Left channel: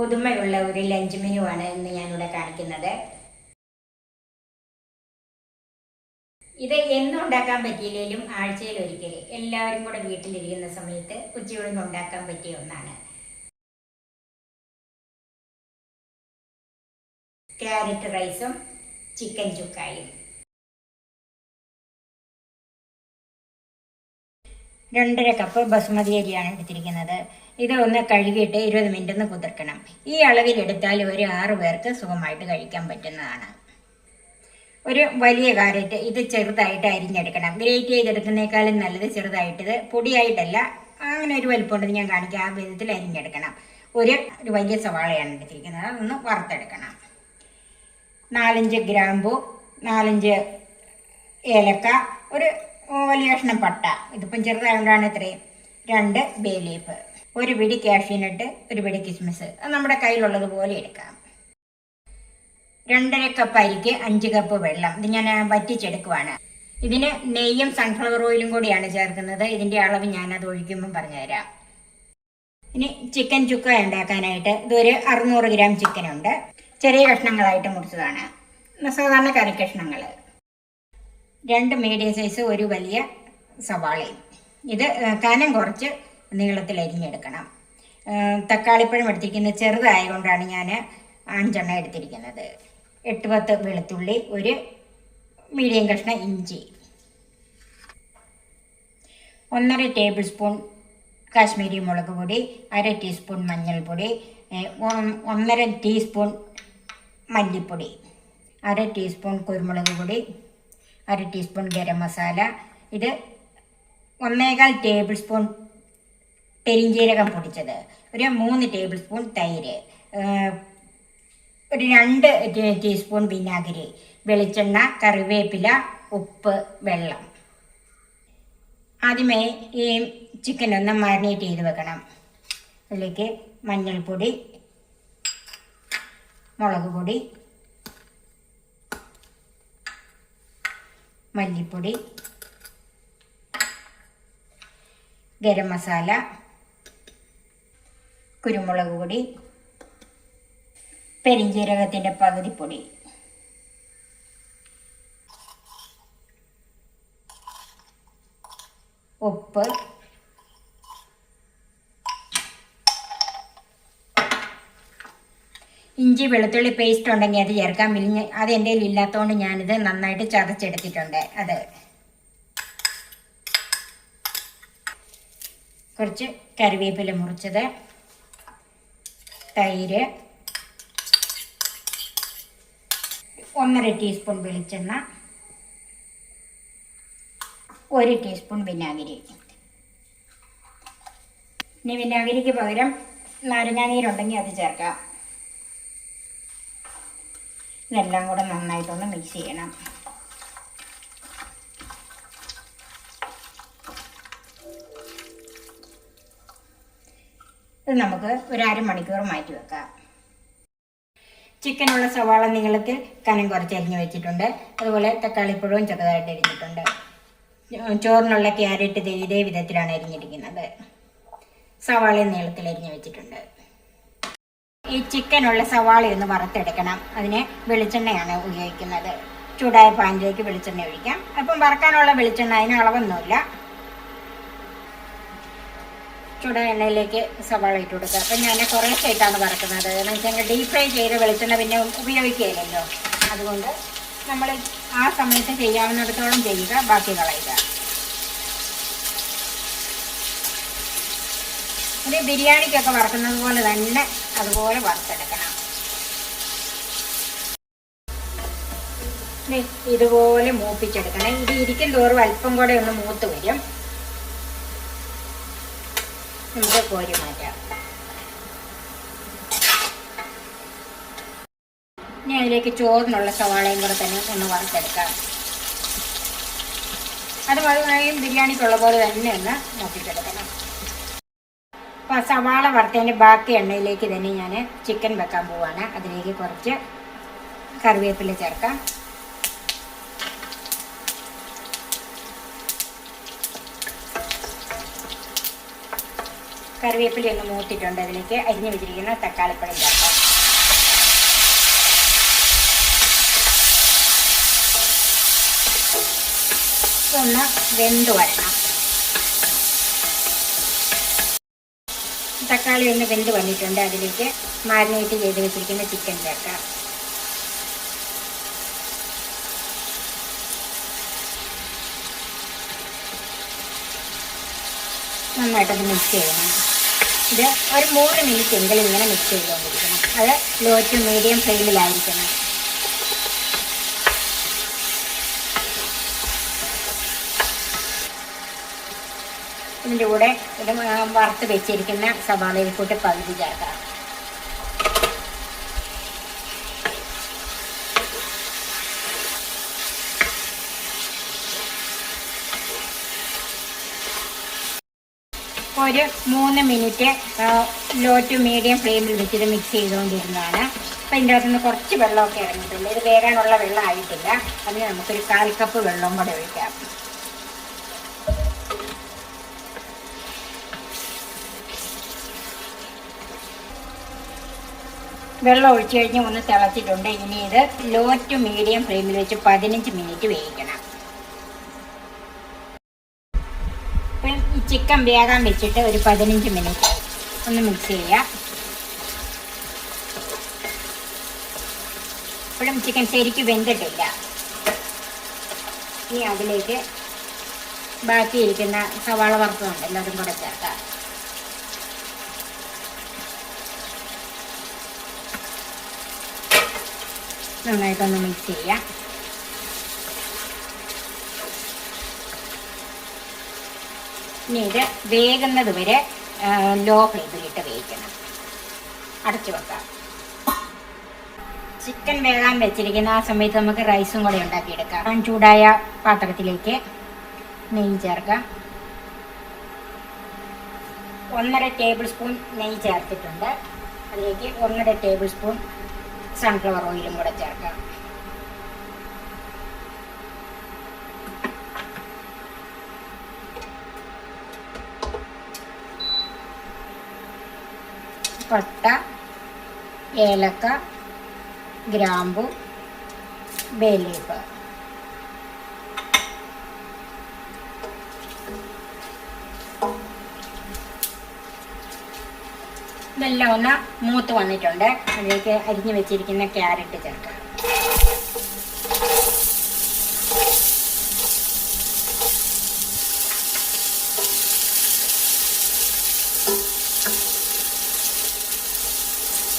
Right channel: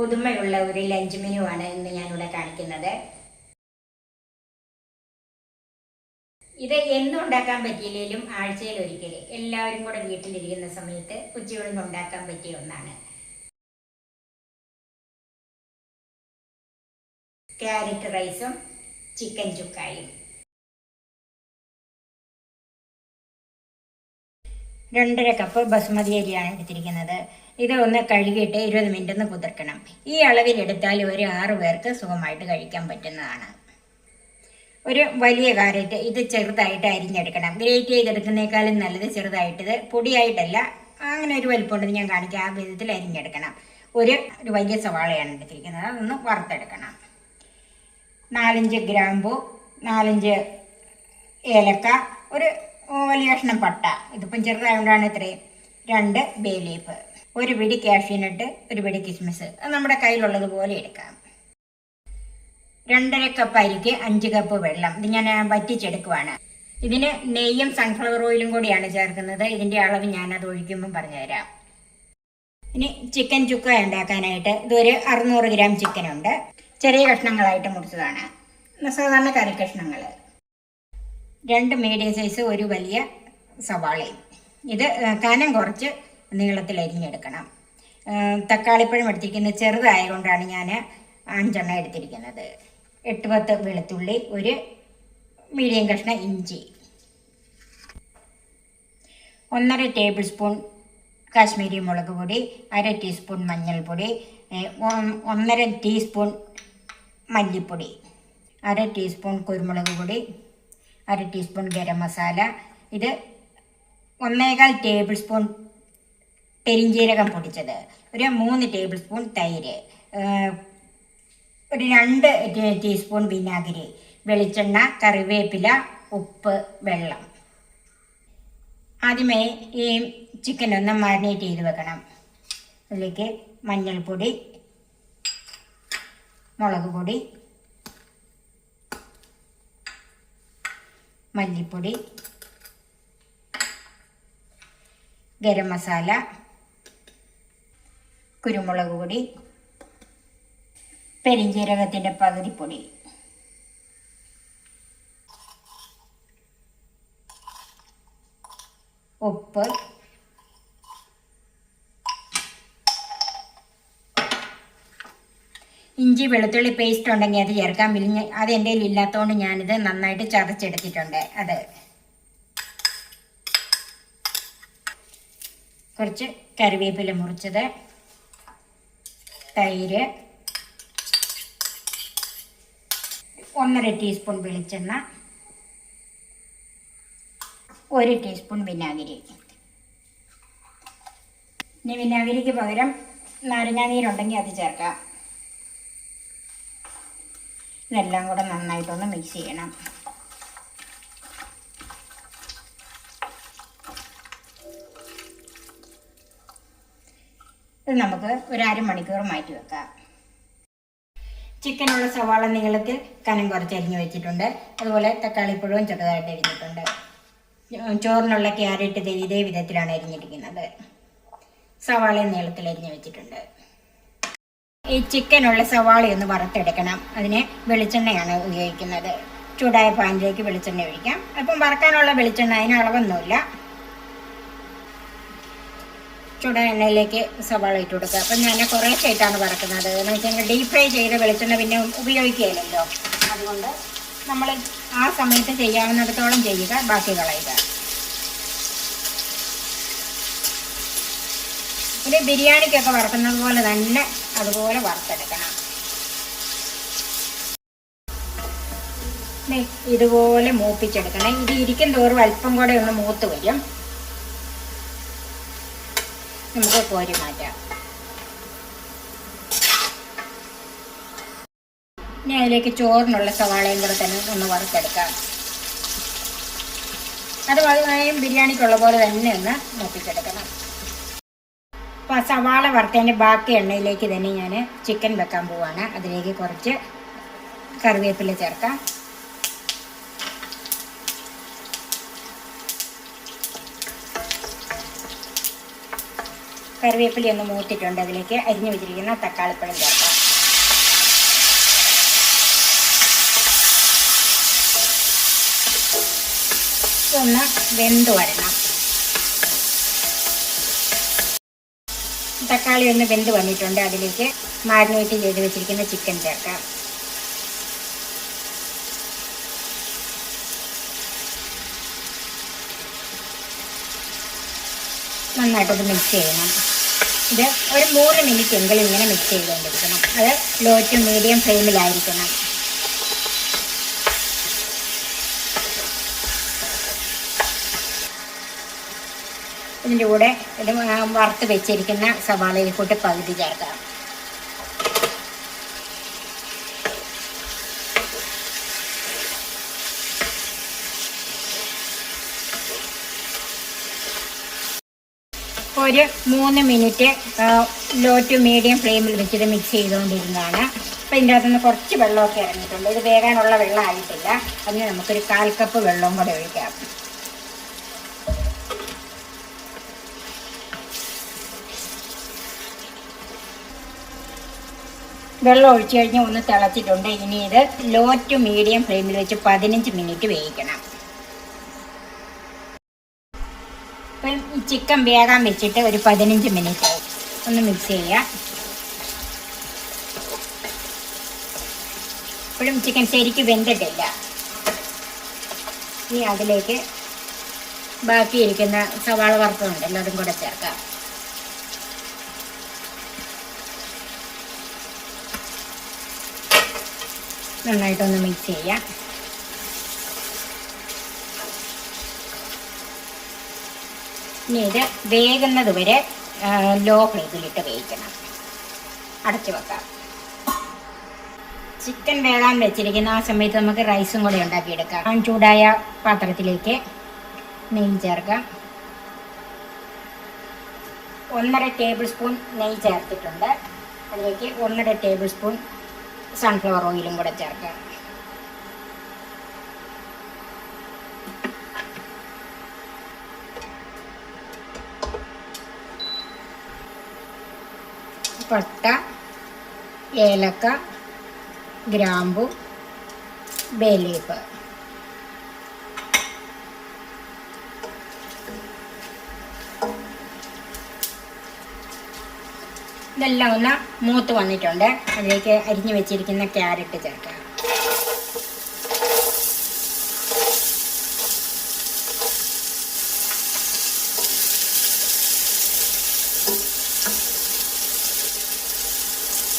പുതുമയുള്ള ഒരു lunch menu ആണ് ഇന്ന് ഞാനിവിടെ കാണിക്കുന്നത്. ഇത് എന്നും ഉണ്ടാക്കാൻ പറ്റിയില്ലെങ്കിലും ആഴ്ചയിൽ ഒരിക്കൽ എല്ലാവരും കൂടെ വീട്ടിലിരിക്കുന്ന സമയത്ത് ഉച്ചയൂണിന് ഉണ്ടാക്കാൻ പറ്റിയ ഒന്നാണ്. ക്യാരറ്റ് റൈസും ചിക്കൻ ചുക്കായും. 2.5 കപ്പ് ബസുമതി അരിയാണ് എടുത്തിരിക്കുന്നത്. ഇത് ഒന്ന് കഴുകിയിട്ട് 20 മിനിറ്റ് ഒന്ന് കുതിർക്കണം. ഈ അളവിലെടുത്താൽ ഒരു 6 പേർക്ക് സുഖമായിട്ട് കഴിക്കാൻ പറ്റുന്നതാണ്. ഒരു വലിയ കാരറ്റ് ഇത് ചെറുതായിട്ട് അരിഞ്ഞെടുക്കണം. ഗ്രേറ്റ് ചെയ്തെടുക്കുന്നേക്കാളും നല്ലത് ചെറുതായിട്ട്, ഇത് പൊടിയായിട്ടല്ല, അങ്ങനെ ഒരു വലിപ്പമുണ്ടെന്ന് ഞാൻ കാണിക്കാം. ആ വിധത്തിൽ അരിഞ്ഞെടുക്കണം. ഒരു വലിയ സവാളയാണ് എടുത്തിരിക്കുന്നത്, അതൊന്ന് വറുത്തെടുക്കണം. 4-5 ഗ്രാമ്പു, 4-5 ഏലക്ക, ഒരു വലിയ കഷ്ണം പട്ട, ഇതിപ്പം ചെറുതായതുകൊണ്ടാണ് ഇത്രയും, 2 ബേ ലീഫ്, ഒരു പിടി കാഷ്യൂനട്ട്, ഒരു പിടി കിസ്മിസ്, അത് നമ്മുടെ കയ്യിലുള്ളതുപോലെ എടുക്കാം. 2.5 കപ്പ് അരിക്ക് 5 കപ്പ് വെള്ളം. ഇത് ഞാൻ വറ്റിച്ചെടുക്കുവാണ്. ഇതിന് നെയ്യും സൺഫ്ലവർ ഓയിലും കൂടിയാണ് ചേർക്കുന്നത്. ഇതിന്റെ അളവ് ഞാനത് ഒഴിക്കുമ്പം പറഞ്ഞുതരാം. ഇനി ചിക്കൻ ചുക്ക ഉണ്ടാക്കാനായിട്ട് ഇതൊരു 600 ഗ്രാം ചിക്കനുണ്ട്. ചെറിയ കഷ്ണങ്ങളായിട്ട് മുറിച്ചതാണ്, സാധാരണ കറി കഷ്ണങ്ങൾ. 2 മീഡിയം സൈസ് ഒരു വലിയ സവാളയും. ഇത് കനം കുറച്ച് നീളത്തിൽ അരിഞ്ഞെടുക്കണം. തക്കാളിപ്പഴം എടുത്തിരിക്കുന്നത് ചെറുതായതുകൊണ്ടാണ് ഞാൻ 5 എടുത്തിരിക്കുന്നത്. 8-10 വെളുത്തുള്ളി, ഒരു മീഡിയം കഷ്ണം ഇഞ്ചി, 1.5 ടേബിൾ സ്പൂൺ കാശ്മീരി മുളക് പൊടി, 1/2 ടീസ്പൂൺ മഞ്ഞൾപ്പൊടി, 1.5 ടീസ്പൂൺ മല്ലിപ്പൊടി, 1/2 ടീസ്പൂൺ കുരുമുളക് പൊടി, 1/2 ടീസ്പൂൺ ഗരം മസാല. ഇത് 1.25 ടേബിൾ സ്പൂൺ പെരിഞ്ജീരകം പൊടിച്ചത്, ഒരു 3 ടേബിൾ സ്പൂൺ തൈര്, ഒരു 2 ടീസ്പൂൺ വിനാഗിരി, വെളിച്ചെണ്ണ, കറിവേപ്പില, ഉപ്പ്, വെള്ളം. ആദ്യമേ ഈ ചിക്കൻ ഒന്ന് മാരിനേറ്റ് ചെയ്ത് വെക്കണം. അതിലേക്ക് മഞ്ഞൾപ്പൊടി, മുളക് പൊടി, മല്ലിപ്പൊടി, ഗരം മസാല, കുരുമുളക് പൊടി, പെരിഞ്ജീരകത്തിൻ്റെ പകുതി പൊടി, ഉപ്പ്, ഇഞ്ചി വെളുത്തുള്ളി പേസ്റ്റ് ഉണ്ടെങ്കിൽ അത് ചേർക്കാം. അത് എൻ്റെ കയ്യിൽ ഇല്ലാത്തതുകൊണ്ട് ഞാനിത് നന്നായിട്ട് ചതച്ചെടുത്തിട്ടുണ്ട്. അത് കുറച്ച് കറിവേപ്പില മുറിച്ചത്, തൈര്, 1.5 ടീസ്പൂൺ വെളിച്ചെണ്ണ, 1 ടീസ്പൂൺ വിനാഗിരി. ഇനി വിനാഗിരിക്ക് പകരം നാരങ്ങാനീരുണ്ടെങ്കിൽ അത് ചേർക്കാം. ഇതെല്ലാം കൂടെ നന്നായിട്ടൊന്ന് മിക്സ് ചെയ്യണം. ഇത് നമുക്ക് ഒരു 1/2 മണിക്കൂർ മാറ്റി വെക്കാം. ചിക്കനുള്ള സവാള നീളത്തിൽ കനം കുറച്ച് അരിഞ്ഞ് വെച്ചിട്ടുണ്ട്. അതുപോലെ തക്കാളിപ്പഴവും ചെറുതായിട്ട് അരിഞ്ഞിട്ടുണ്ട്. ചോറിനുള്ള ക്യാരറ്റ് ഇതേ വിധത്തിലാണ് അരിഞ്ഞിരിക്കുന്നത്. സവാള നീളത്തിൽ അരിഞ്ഞ് വെച്ചിട്ടുണ്ട്. ഈ ചിക്കനുള്ള സവാളയൊന്ന് വറുത്തെടുക്കണം. അതിന് വെളിച്ചെണ്ണയാണ് ഉപയോഗിക്കുന്നത്. ചൂടായ പാനിലേക്ക് വെളിച്ചെണ്ണ ഒഴിക്കാം. അപ്പം വറക്കാനുള്ള വെളിച്ചെണ്ണ, അതിന് അളവൊന്നുമില്ല. ചൂടായ എണ്ണയിലേക്ക് സവാള ഇട്ട് കൊടുക്കുക. അപ്പം ഞാൻ കുറേശ്ശായിട്ടാണ് വറക്കുന്നത്. എന്ന് വെച്ചാൽ ഡീപ് ഫ്രൈ ചെയ്ത വെളിച്ചെണ്ണ പിന്നെ ഉപയോഗിക്കുകയില്ലല്ലോ. അതുകൊണ്ട് നമ്മൾ ആ സമയത്ത് ചെയ്യാവുന്നിടത്തോളം ചെയ്യുക, ബാക്കി കളയുക. ഒരു ബിരിയാണിക്കൊക്കെ വറക്കുന്നത് പോലെ തന്നെ അതുപോലെ വറുത്തെടുക്കണം. ഇതുപോലെ മൂപ്പിച്ചെടുക്കണം. ഇത് ഇരിക്കും തോറും അല്പം കൂടെ ഒന്ന് മൂത്ത് വരും. നമുക്ക് കോരി മാറ്റാം. ഇനി അതിലേക്ക് ചോറിനുള്ള സവാളയും കൂടെ തന്നെ ഒന്ന് വറുത്തെടുക്കാം. അത് വളരെയും ബിരിയാണിക്കുള്ള പോലെ തന്നെ ഒന്ന് മൂപ്പിച്ചെടുക്കണം. അപ്പോൾ സവാള വറുത്തതിൻ്റെ ബാക്കി എണ്ണയിലേക്ക് തന്നെ ഞാൻ ചിക്കൻ വെക്കാൻ പോവാണ്. അതിലേക്ക് കുറച്ച് കറിവേപ്പില ചേർക്കാം. കറിവേപ്പില ഒന്ന് മൂത്തിട്ടുണ്ട്. അതിലേക്ക് അരിഞ്ഞു വെച്ചിരിക്കുന്ന തക്കാളിപ്പഴം ചേർക്കാം. ഒന്ന് വെന്ത് വരണം. തക്കാളി ഒന്ന് വെന്ത് വന്നിട്ടുണ്ട്. അതിലേക്ക് മാരിനേറ്റ് ചെയ്ത് വെച്ചിരിക്കുന്ന ചിക്കൻ ചേർക്കാം. നന്നായിട്ടത് മിക്സ് ചെയ്യണം. ഇത് ഒരു 3 മിനിറ്റ് എങ്കിലും ഇങ്ങനെ മിക്സ് ചെയ്തുകൊണ്ടിരിക്കണം. അത് ലോ ടു മീഡിയം ഫ്ലെയിമിലായിരിക്കണം. ഇതിൻ്റെ കൂടെ ഇത് വറുത്ത് വെച്ചിരിക്കുന്ന സവാളയിൽ കൂട്ടി പകുതി ചേർക്കാം. ഒരു 3 മിനിറ്റ് ലോ ടു മീഡിയം ഫ്ലെയിമിൽ വെച്ചിട്ട് മിക്സ് ചെയ്തുകൊണ്ടിരുന്നതാണ്. അപ്പോൾ ഇതിൻ്റെ അകത്തുനിന്ന് കുറച്ച് വെള്ളമൊക്കെ ഇറങ്ങിയിട്ടുണ്ട്. ഇത് വേകാനുള്ള വെള്ളം ആയിട്ടില്ല. അതിന് നമുക്കൊരു 1/4 കപ്പ് വെള്ളവും കൂടെ ഒഴിക്കാം. വെള്ളം ഒഴിച്ചു കഴിഞ്ഞ് ഒന്ന് തിളച്ചിട്ടുണ്ട്. ഇനി ഇത് ലോ ടു മീഡിയം ഫ്ലെയിമിൽ വെച്ച് 15 മിനിറ്റ് വേവിക്കണം. അപ്പം ഈ ചിക്കൻ വേകാൻ വെച്ചിട്ട് ഒരു 15 മിനിറ്റ് ഒന്ന് മിക്സ് ചെയ്യാം. ഇപ്പോഴും ചിക്കൻ ശരിക്കും വെന്തിട്ടില്ല. ഇനി അതിലേക്ക് ബാക്കിയിരിക്കുന്ന സവാള വറുത്തതുണ്ടല്ലോ അതും കൂടെ ചേർക്കാം. നന്നായിട്ടൊന്ന് മിക്സ് ചെയ്യാം. ഇനി ഇത് വേകുന്നത് വരെ ലോ ഫ്ലെയിമിലിട്ട് വേവിക്കണം. അടച്ചു വെക്കാം. ചിക്കൻ വേകാൻ വെച്ചിരിക്കുന്ന ആ സമയത്ത് നമുക്ക് റൈസും കൂടെ ഉണ്ടാക്കിയെടുക്കാം. ചൂടായ പാത്രത്തിലേക്ക് നെയ്യ് ചേർക്കാം. 1.5 ടേബിൾ സ്പൂൺ നെയ്യ് ചേർത്തിട്ടുണ്ട്. അതിലേക്ക് 1.5 ടേബിൾ സ്പൂൺ സൺഫ്ലവർ ഓയിലും കൂടെ ചേർക്കാം. പട്ട, ഏലക്ക, ഗ്രാമ്പു, ബേ ലീഫ്. ഇതെല്ലാം ഒന്ന് മൂത്ത് വന്നിട്ടുണ്ട്. അതിലേക്ക് അരിഞ്ഞു വെച്ചിരിക്കുന്ന ക്യാരറ്റ് ചേർക്കാം.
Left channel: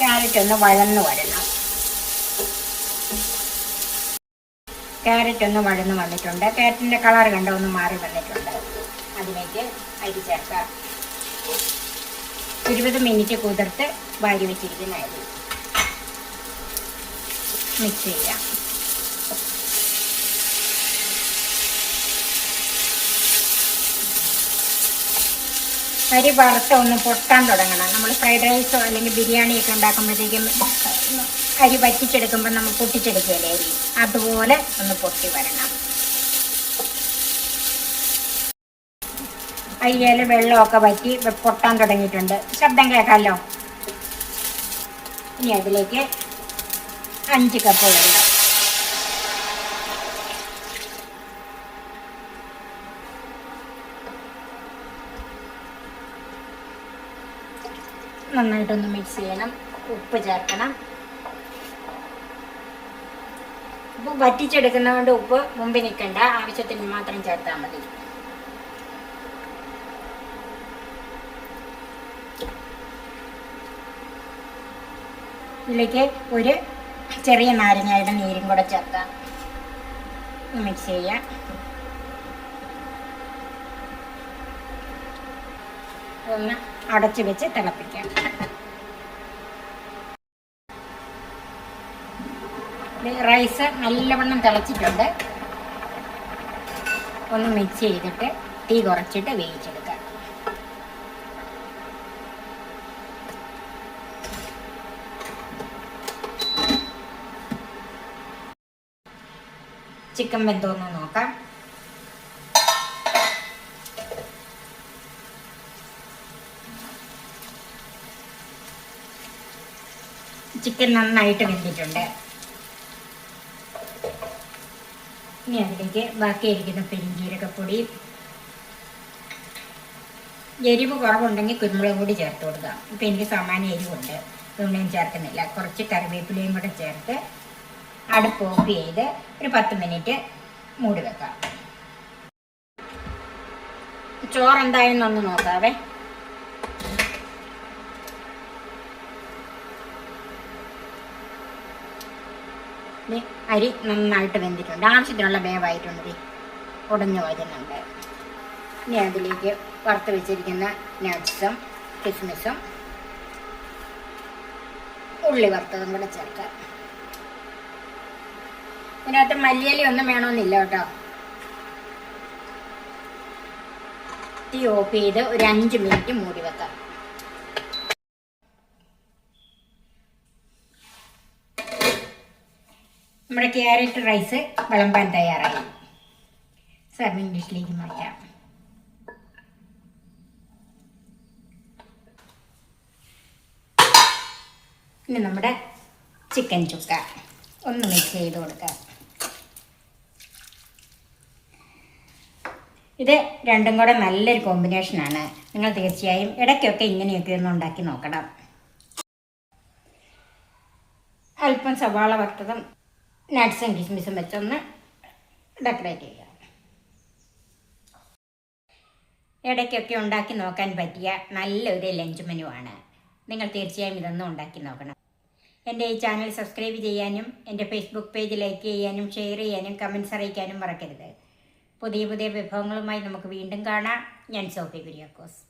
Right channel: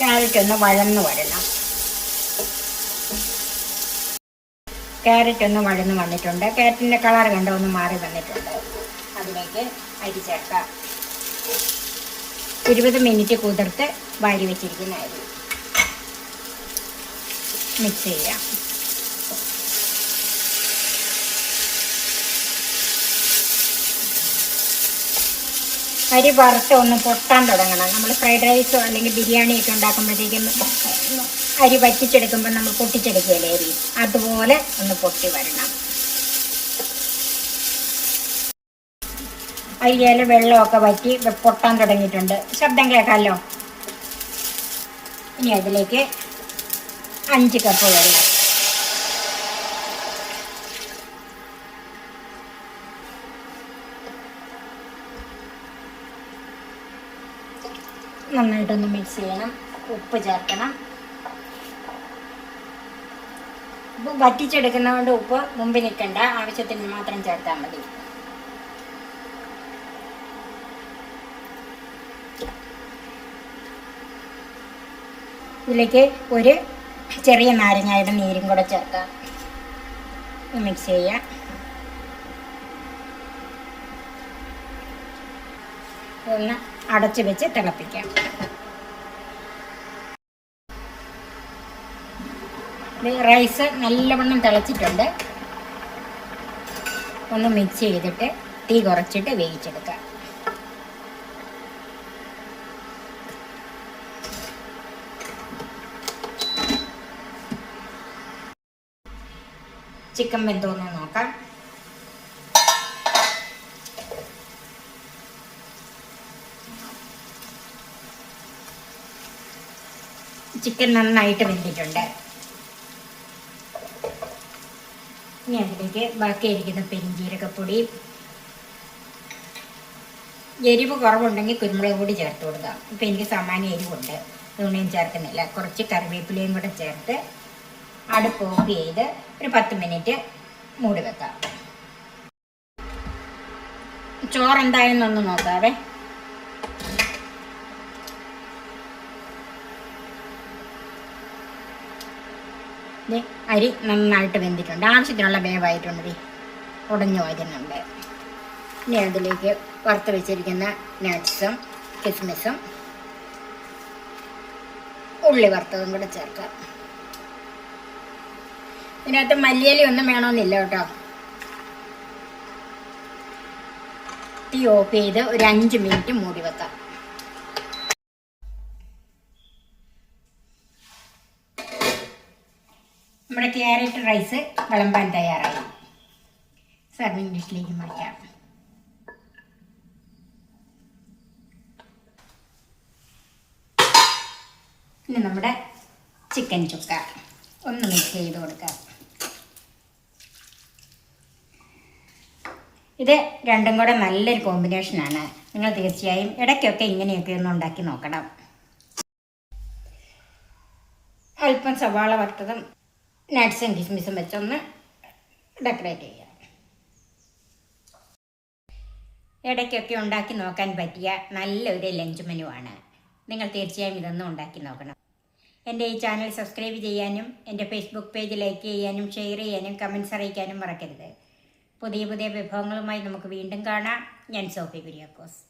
ക്യാരറ്റ് ഒന്ന് വഴന്ന് വരണം. ക്യാരറ്റ് ഒന്ന് വഴന്ന് വന്നിട്ടുണ്ട്. ക്യാരറ്റിൻ്റെ കളർ കണ്ടോ ഒന്ന് മാറി വന്നിട്ടുണ്ട്. അതിലേക്ക് അരി ചേർക്കാം. 20 മിനിറ്റ് കുതിർത്ത് വാരി വെച്ചിരിക്കുന്ന അരി മിക്സ് ചെയ്യാം. അരി വറുത്ത് ഒന്ന് പൊട്ടാൻ തുടങ്ങണം. നമ്മൾ ഫ്രൈഡ് റൈസോ അല്ലെങ്കിൽ ബിരിയാണിയൊക്കെ ഉണ്ടാക്കുമ്പോഴത്തേക്കും അരി വറ്റിച്ചെടുക്കുമ്പോൾ നമ്മൾ പൊട്ടിച്ചെടുക്കുമല്ലേ അരി, അതുപോലെ ഒന്ന് പൊട്ടി വരണം. അരിയിൽ വെള്ളമൊക്കെ വറ്റി പൊട്ടാൻ തുടങ്ങിയിട്ടുണ്ട്. ശബ്ദം കേൾക്കാമല്ലോ. ഇനി അതിലേക്ക് 5 കപ്പ് വെള്ളം. നന്നായിട്ടൊന്ന് മിക്സ് ചെയ്യണം. ഉപ്പ് ചേർക്കണം. ഉപ്പ് വറ്റിച്ചെടുക്കുന്നതുകൊണ്ട് ഉപ്പ് മുമ്പ് നിൽക്കണ്ട, ആവശ്യത്തിന് മാത്രം ചേർത്താൽ മതി. ഇതിലേക്ക് ഒരു ചെറിയ നാരങ്ങയുടെ നീരും കൂടെ ചേർക്കാം. മിക്സ് ചെയ്യാം. ഒന്ന് അടച്ചു വെച്ച് തിളപ്പിക്കാം. റൈസ് നല്ലവണ്ണം തിളച്ചിട്ടുണ്ട്. ഒന്ന് മിക്സ് ചെയ്തിട്ട് തീ കുറച്ചിട്ട് വേവിച്ചെടുക്കാം. ചിക്കൻ വെന്തോന്ന് നോക്കാം. ചിക്കൻ നന്നായിട്ട് വെന്തിട്ടുണ്ട്. ഇനി അതിലേക്ക് ബാക്കിയിരിക്കുന്ന പെരിഞ്ജീരകപ്പൊടി, എരിവ് കുറവുണ്ടെങ്കിൽ കുരുമുളക് പൊടി ചേർത്ത് കൊടുക്കാം. ഇപ്പം എനിക്ക് സാമാന്യ എരിവുണ്ട്, ഇതൊന്നും ഞാൻ ചേർക്കുന്നില്ല. കുറച്ച് കറിവേപ്പിലയും കൂടെ ചേർത്ത് അടുപ്പ് ഓഫ് ചെയ്ത് ഒരു 10 മിനിറ്റ് മൂടി വെക്കാം. ചോറ് എന്തായെന്നൊന്ന് നോക്കാവേ. അരി നന്നായിട്ട് വെന്തിട്ടുണ്ട്, ആവശ്യത്തിനുള്ള വേവായിട്ടുണ്ട്, ഉടഞ്ഞു വരുന്നുണ്ട്. ഇനി അതിലേക്ക് വറുത്ത് വെച്ചിരിക്കുന്ന നട്ട്സും കിസ്മിസും ഉള്ളി വറുത്തതും കൂടെ ചേർക്കാം. ഇതിനകത്ത് മല്ലിയില ഒന്നും വേണമെന്നില്ല കേട്ടോ. തീ ഓഫ് ചെയ്ത് ഒരു 5 മിനിറ്റ് മൂടി വെക്കാം. നമ്മുടെ ക്യാരറ്റ് റൈസ് വിളമ്പാൻ തയ്യാറായി. സർവിംഗ് ഡിഷിലേക്ക് മാറ്റാം. ഇനി നമ്മുടെ ചിക്കൻ ചുക്ക ഒന്ന് മിക്സ് ചെയ്ത് കൊടുക്കാം. ഇത് രണ്ടും കൂടെ നല്ലൊരു കോമ്പിനേഷനാണ്. നിങ്ങൾ തീർച്ചയായും ഇടയ്ക്കൊക്കെ ഇങ്ങനെയൊക്കെ ഒന്ന് ഉണ്ടാക്കി നോക്കണം. അല്പം സവാള വറുത്തതും നട്ട്സും കിസ്മിസും വെച്ചൊന്ന് ഡെക്കറേറ്റ് ചെയ്യാം. ഇടയ്ക്കൊക്കെ ഉണ്ടാക്കി നോക്കാൻ പറ്റിയ നല്ലൊരു ലഞ്ച് മെനു ആണ്. നിങ്ങൾ തീർച്ചയായും ഇതൊന്നും ഉണ്ടാക്കി നോക്കണം. എൻ്റെ ഈ ചാനൽ സബ്സ്ക്രൈബ് ചെയ്യാനും എൻ്റെ ഫേസ്ബുക്ക് പേജ് ലൈക്ക് ചെയ്യാനും ഷെയർ ചെയ്യാനും കമൻറ്റ്സ് അറിയിക്കാനും മറക്കരുത്. പുതിയ പുതിയ വിഭവങ്ങളുമായി നമുക്ക് വീണ്ടും കാണാം. ഞാൻ സോഫി കുര്യാക്കോസ്.